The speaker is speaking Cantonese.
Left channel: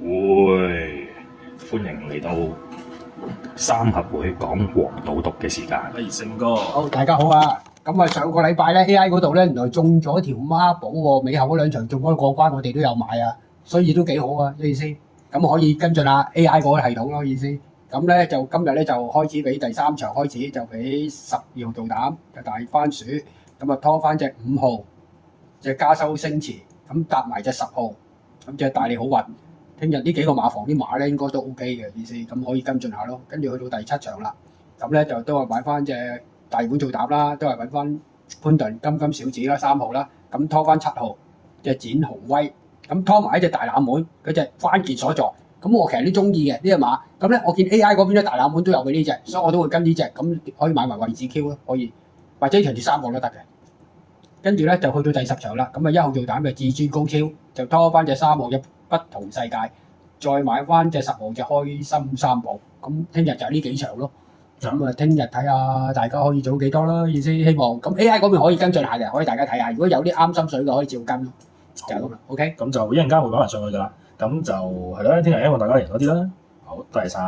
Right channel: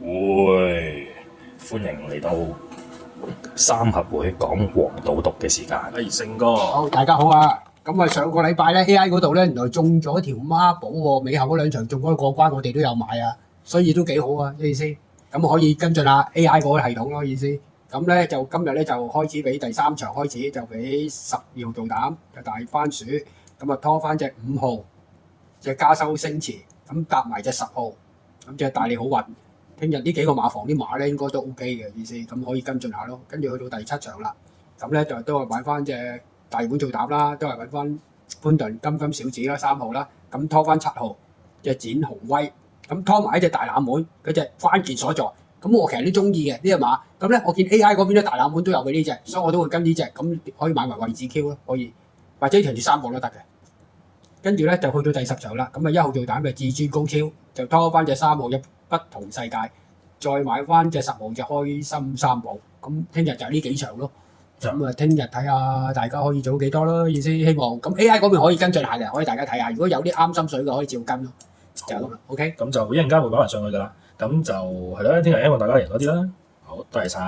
會，歡迎嚟到三合會講黃賭毒嘅時間。勝哥，好，大家好啊！咁啊，上個禮拜咧 AI 嗰度咧，原來中咗條孖寶喎，尾後嗰兩場中咗過關，我哋都有買啊，所以都幾好啊，意思。咁可以跟進下 AI 嗰個系統咯，意思。咁咧就今日咧就開始俾第三場開始，就俾12號做膽嘅大番薯，咁啊拖翻隻5號，隻加收星馳，咁搭埋隻10號，咁隻大利好運。聽日呢幾個馬房啲馬咧應該都 OK 嘅意思，咁可以跟進下咯。跟住去到第7場啦，咁咧就都係買翻隻大碗做膽啦，都係揾翻潘頓金小子啦3號啦，咁拖翻7號隻展雄威，咁拖埋一隻大冷門嗰隻關鍵所在。咁我其實都中意嘅呢隻馬，咁咧我見 AI 嗰邊啲大冷門都有佢呢隻，所以我都會跟呢隻，咁可以買埋位置 Q 咯，可以或者隨住3號都得嘅。跟住咧就去到第10場啦，咁啊1號做膽嘅至尊高超就拖翻隻3號嘅不同世界，再買翻隻10號嘅開心三寶，咁聽日就係呢幾場咯。咁啊，聽日睇下大家可以做幾多啦，意思希望咁 AI 嗰邊可以跟進下嘅，可以大家睇下，如果有啲啱心水嘅可以照跟咯，就係咁啦。OK，咁就一陣間會擺埋上去㗎啦。咁就係啦，聽日希望大家贏多啲啦。好，多謝晒。